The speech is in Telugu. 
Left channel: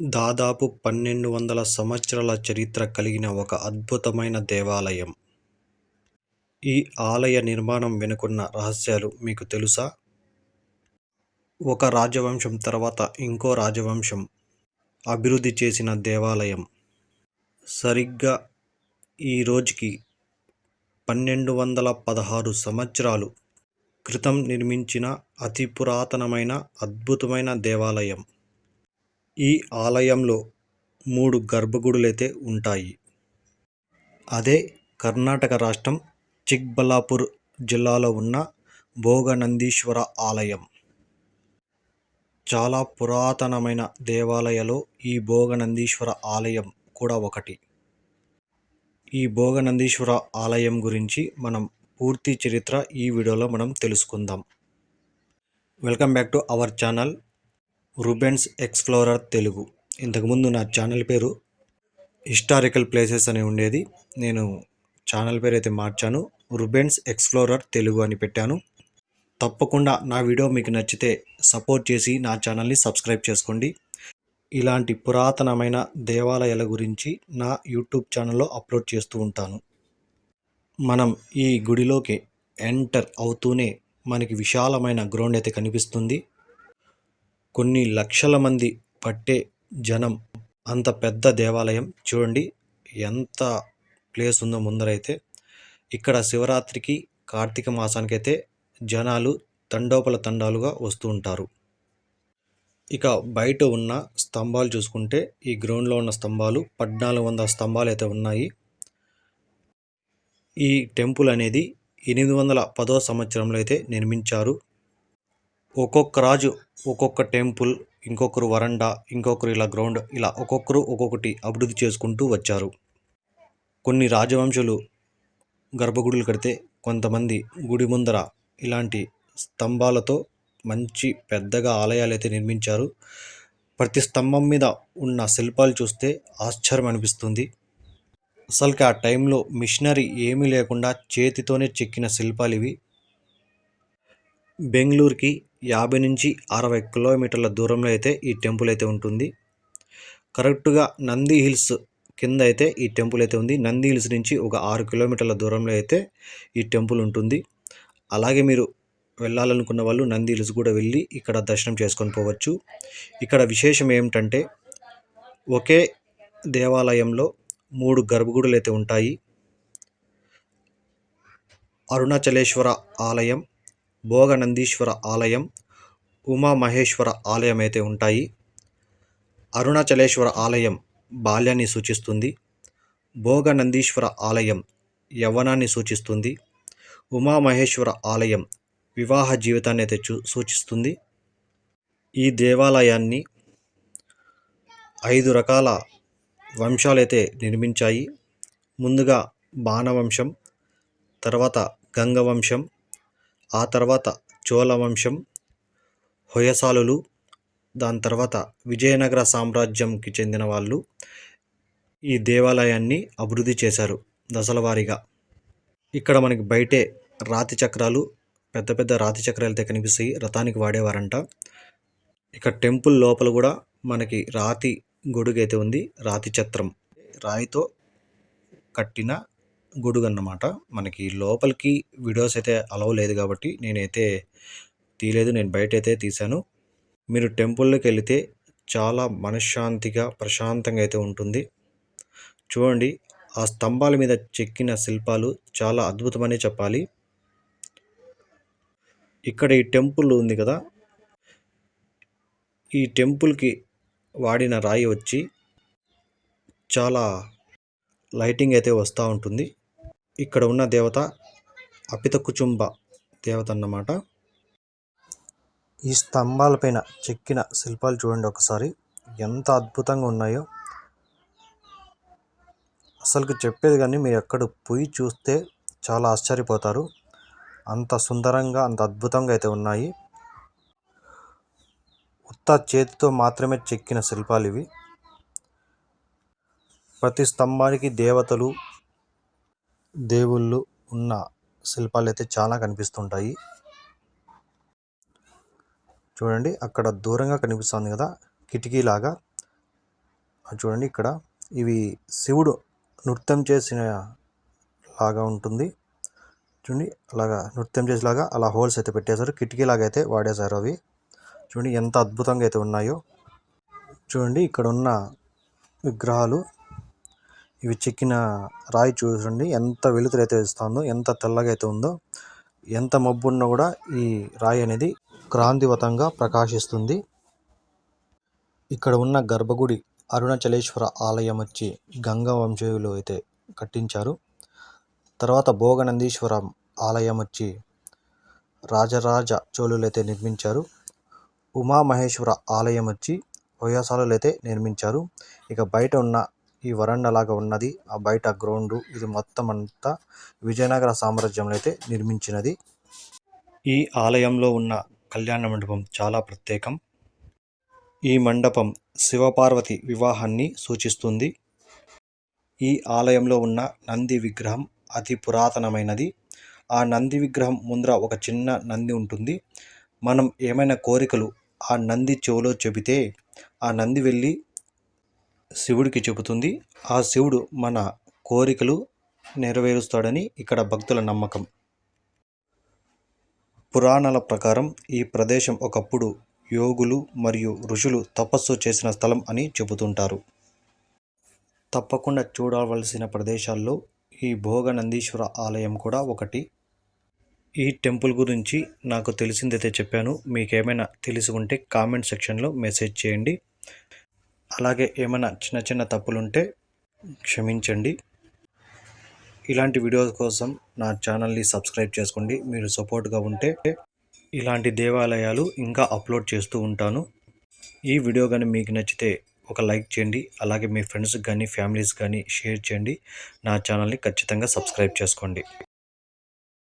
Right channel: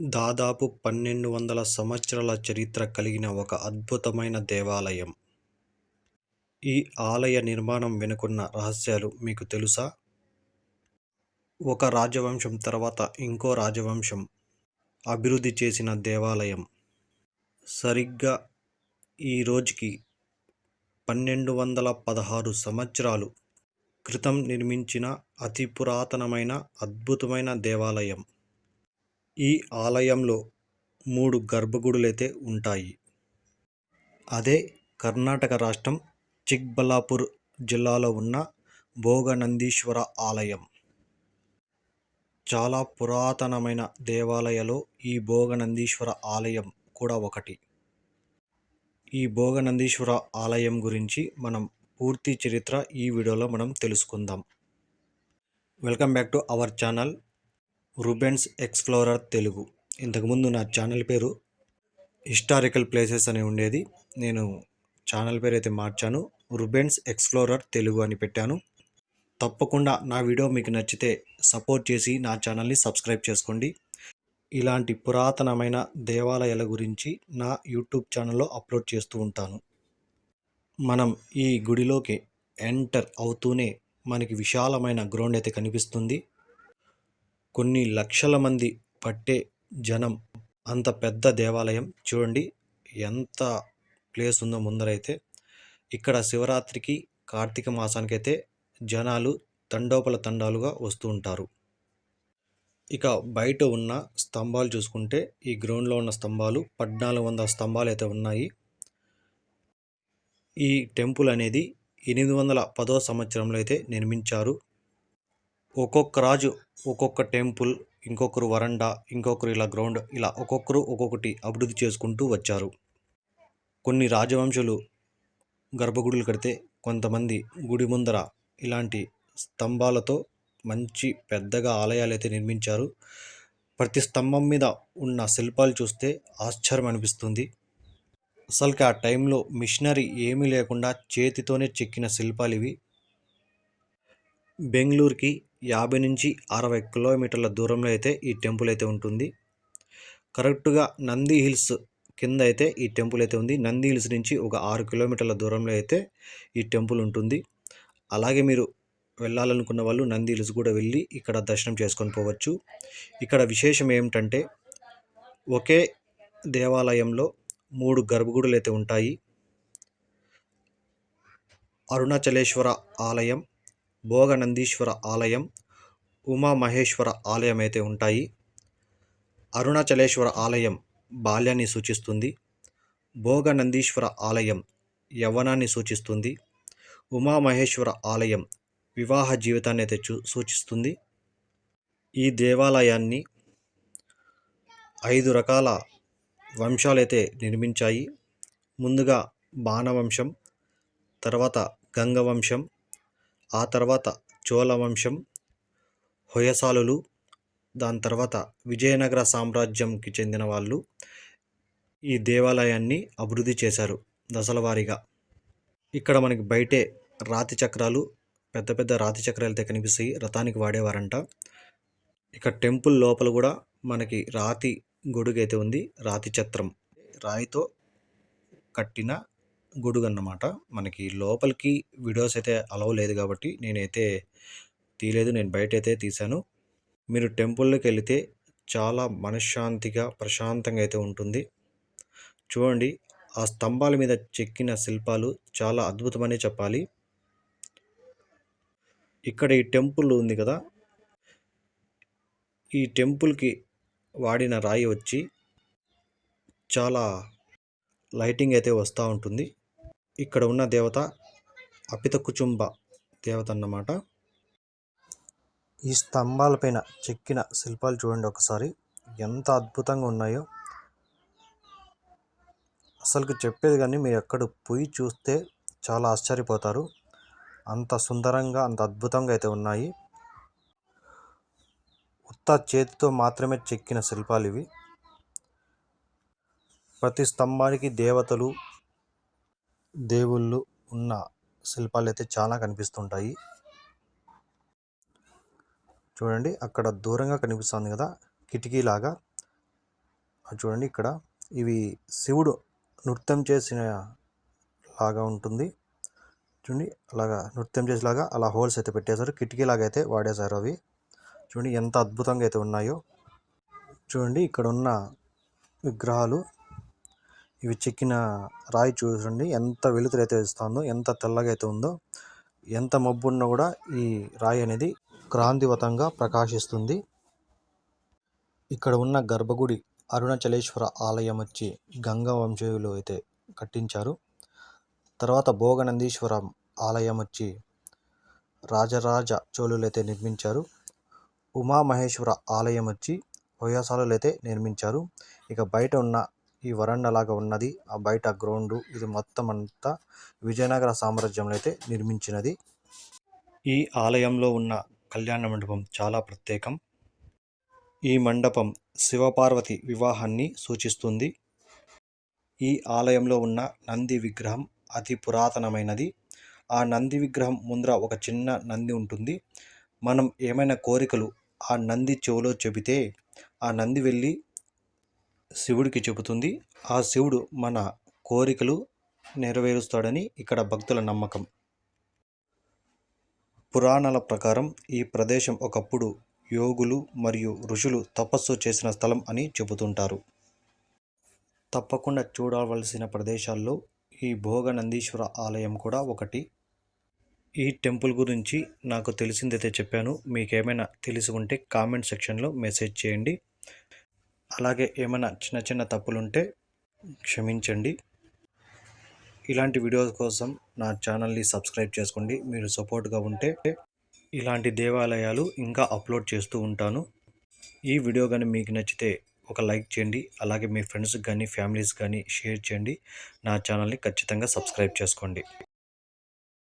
దాదాపు 1200 సంవత్సరాల చరిత్ర కలిగిన ఒక అద్భుతమైన దేవాలయం. ఈ ఆలయ నిర్మాణం వెనుకున్న రహస్యాలు మీకు తెలుసా? ఒక రాజవంశం తర్వాత ఇంకో రాజవంశం అభివృద్ధి చేసిన దేవాలయం. సరిగ్గా ఈ రోజుకి 1216 సంవత్సరాలు క్రితం నిర్మించిన అతి పురాతనమైన అద్భుతమైన దేవాలయం. ఈ ఆలయంలో 3 గర్భగుడులైతే ఉంటాయి. అదే కర్ణాటక రాష్ట్రం చిక్బళ్ళాపూర్ జిల్లాలో ఉన్న భోగనందీశ్వర ఆలయం. చాలా పురాతనమైన దేవాలయాలలో ఈ భోగనందీశ్వర ఆలయం కూడా ఒకటి. ఈ భోగనందీశ్వర ఆలయం గురించి మనం పూర్తి చరిత్ర ఈ వీడియోలో మనం తెలుసుకుందాం. Welcome back to our channel Rubens explorer Telugu. ఇంతకుముందు నా ఛానల్ పేరు హిస్టారికల్ ప్లేసెస్ అని ఉండేది. నేను ఛానల్ పేరు అయితే మార్చాను, రూబెన్స్ ఎక్స్ప్లోరర్ తెలుగు అని పెట్టాను. తప్పకుండా నా వీడియో మీకు నచ్చితే సపోర్ట్ చేసి నా ఛానల్ని సబ్స్క్రైబ్ చేసుకోండి. ఇలాంటి పురాతనమైన దేవాలయాల గురించి నా యూట్యూబ్ ఛానల్లో అప్లోడ్ చేస్తూ ఉంటాను. మనం ఈ గుడిలోకి ఎంటర్ అవుతూనే మనకి విశాలమైన గ్రౌండ్ అయితే కనిపిస్తుంది. కొన్ని లక్షల మంది పట్టే జనం, అంత పెద్ద దేవాలయం. చూడండి ఎంత ప్లేస్ ఉందో ముందరైతే. ఇక్కడ శివరాత్రికి కార్తీక మాసానికి అయితే జనాలు తండోపతండాలుగా వస్తూ ఉంటారు. ఇక బయట ఉన్న స్తంభాలు చూసుకుంటే, ఈ గ్రౌండ్లో ఉన్న స్తంభాలు 1400 స్తంభాలు అయితే ఉన్నాయి. ఈ టెంపుల్ అనేది 810వ సంవత్సరంలో అయితే నిర్మించారు. ఒక్కొక్క రాజు ఒక్కొక్క టెంపుల్, ఇంకొకరు వరండా, ఇంకొకరు ఇలా గ్రౌండ్, ఇలా ఒక్కొక్కరు ఒక్కొక్కటి అభివృద్ధి చేసుకుంటూ వచ్చారు. కొన్ని రాజవంశులు గర్భగుడులు కడితే, కొంతమంది గుడి ముందర ఇలాంటి స్తంభాలతో మంచి పెద్దగా ఆలయాలు అయితే నిర్మించారు. ప్రతి స్తంభం మీద ఉన్న శిల్పాలు చూస్తే ఆశ్చర్యం అనిపిస్తుంది. అసలుకి ఆ టైంలో మిషనరీ ఏమీ లేకుండా చేతితోనే చెక్కిన శిల్పాలు ఇవి. బెంగళూరుకి 50 నుంచి 60 కిలోమీటర్ల దూరంలో అయితే ఈ టెంపుల్ అయితే ఉంటుంది. కరెక్ట్గా నంది హిల్స్ కింద అయితే ఈ టెంపుల్ అయితే ఉంది. నంది హిల్స్ నుంచి ఒక 6 కిలోమీటర్ల దూరంలో అయితే ఈ టెంపుల్ ఉంటుంది. అలాగే మీరు వెళ్ళాలనుకున్న వాళ్ళు నంది హిల్స్ కూడా వెళ్ళి ఇక్కడ దర్శనం చేసుకొని పోవచ్చు. ఇక్కడ విశేషం ఏమిటంటే, ఒకే దేవాలయంలో 3 గర్భగుడులు అయితే ఉంటాయి. అరుణాచలేశ్వర ఆలయం, భోగనందీశ్వర ఆలయం, ఉమామహేశ్వర ఆలయం అయితే ఉంటాయి. అరుణాచలేశ్వర ఆలయం బాల్యాన్ని సూచిస్తుంది. భోగనందీశ్వర ఆలయం యవ్వనాన్ని సూచిస్తుంది. ఉమామహేశ్వర ఆలయం వివాహ జీవితాన్ని అయితే సూచిస్తుంది. ఈ దేవాలయాన్ని 5 రకాల వంశాలైతే నిర్మించాయి. ముందుగా బాణవంశం, తర్వాత గంగవంశం, ఆ తర్వాత చోళవంశం, హొయసాలులు, దాని తర్వాత విజయనగర సామ్రాజ్యంకి చెందిన వాళ్ళు ఈ దేవాలయాన్ని అభివృద్ధి చేశారు దశల వారీగా. ఇక్కడ మనకి బయటే రాతి చక్రాలు, పెద్ద పెద్ద రాతి చక్రాలు అయితే కనిపిస్తాయి. రథానికి వాడేవారంట. ఇక టెంపుల్ లోపల కూడా మనకి రాతి గొడుగు అయితే ఉంది. రాతి ఛత్రం, రాయితో కట్టిన గొడుగు అన్నమాట. మనకి లోపలికి వీడియోస్ అయితే అలవ్ లేదు కాబట్టి నేనైతే తీయలేదు, నేను బయట అయితే తీశాను. మీరు టెంపుల్లోకి వెళితే చాలా మనశ్శాంతిగా, ప్రశాంతంగా అయితే ఉంటుంది. చూడండి, ఆ స్తంభాల మీద చెక్కిన శిల్పాలు చాలా అద్భుతమనే చెప్పాలి. ఇక్కడ ఈ టెంపుల్ ఉంది కదా, ఈ టెంపుల్కి వాడిన రాయి వచ్చి చాలా లైటింగ్ అయితే వస్తూ ఉంటుంది. ఇక్కడ ఉన్న దేవత అపితకుచుంబ దేవత అన్నమాట. ఈ స్తంభాలపైన చెక్కిన శిల్పాలు చూడండి ఒకసారి ఎంత అద్భుతంగా ఉన్నాయో. అసలుకి చెప్పేది కానీ మీరు ఎక్కడ పోయి చూస్తే చాలా ఆశ్చర్యపోతారు. అంత సుందరంగా, అంత అద్భుతంగా అయితే ఉన్నాయి. ఉత్త చేతితో మాత్రమే చెక్కిన శిల్పాలు ఇవి. ప్రతి స్తంభానికి దేవతలు, దేవుళ్ళు ఉన్న శిల్పాలు అయితే చాలా కనిపిస్తుంటాయి. చూడండి అక్కడ దూరంగా కనిపిస్తుంది కదా కిటికీలాగా, చూడండి ఇక్కడ ఇవి శివుడు నృత్యం చేసిన లాగా ఉంటుంది. చూడండి అలాగా నృత్యం చేసేలాగా అలా హోల్స్ అయితే పెట్టేశారు. కిటికీలాగా అయితే వాడేశారు అవి. చూడండి ఎంత అద్భుతంగా అయితే ఉన్నాయో. చూడండి ఇక్కడ ఉన్న విగ్రహాలు ఇవి చెక్కిన రాయి చూడండి ఎంత వెలుతురు అయితే ఇస్తుందో, ఎంత తెల్లగా అయితే ఉందో. ఎంత మబ్బు ఉన్నా కూడా ఈ రాయి అనేది క్రాంతివతంగా ప్రకాశిస్తుంది. ఇక్కడ ఉన్న గర్భగుడి అరుణాచలేశ్వర ఆలయం వచ్చి గంగా వంశీయులు అయితే కట్టించారు. తర్వాత భోగనందీశ్వరం ఆలయం వచ్చి రాజరాజ చోళులు అయితే నిర్మించారు. ఉమామహేశ్వర ఆలయం వచ్చి హొయసాలులు అయితే నిర్మించారు. ఇక బయట ఉన్న ఈ వరండా లాగా ఉన్నది, ఆ బయట గ్రౌండ్, ఇది మొత్తం అంతా విజయనగర సామ్రాజ్యంలో అయితే నిర్మించినది. ఈ ఆలయంలో ఉన్న కళ్యాణ మండపం చాలా ప్రత్యేకం. ఈ మండపం శివపార్వతి వివాహాన్ని సూచిస్తుంది. ఈ ఆలయంలో ఉన్న నంది విగ్రహం అతి పురాతనమైనది. ఆ నంది విగ్రహం ముందర ఒక చిన్న నంది ఉంటుంది. మనం ఏమైనా కోరికలు ఆ నంది చెవిలో చెబితే ఆ నంది వెళ్ళి శివుడికి చెబుతుంది. ఆ శివుడు మన కోరికలు నెరవేరుస్తాడని ఇక్కడ భక్తుల నమ్మకం. పురాణాల ప్రకారం ఈ ప్రదేశం ఒకప్పుడు యోగులు మరియు ఋషులు తపస్సు చేసిన స్థలం అని చెబుతుంటారు. తప్పకుండా చూడవలసిన ప్రదేశాల్లో ఈ భోగనందీశ్వర ఆలయం కూడా ఒకటి. ఈ టెంపుల్ గురించి నాకు తెలిసిందైతే చెప్పాను. మీకేమైనా తెలిసి ఉంటే కామెంట్ సెక్షన్లో మెసేజ్ చేయండి. అలాగే ఏమైనా చిన్న చిన్న తప్పులుంటే క్షమించండి. ఇలాంటి వీడియోస్ కోసం నా ఛానల్ని సబ్స్క్రైబ్ చేసుకోండి. మీరు సపోర్ట్గా ఉంటే ఇలాంటి దేవాలయాలు ఇంకా అప్లోడ్ చేస్తూ ఉంటాను. ఈ వీడియో కానీ మీకు నచ్చితే ఒక లైక్ చేయండి. అలాగే మీ ఫ్రెండ్స్కి కానీ ఫ్యామిలీస్ కానీ షేర్ చేయండి. నా ఛానల్ని ఖచ్చితంగా సబ్స్క్రైబ్ చేసుకోండి.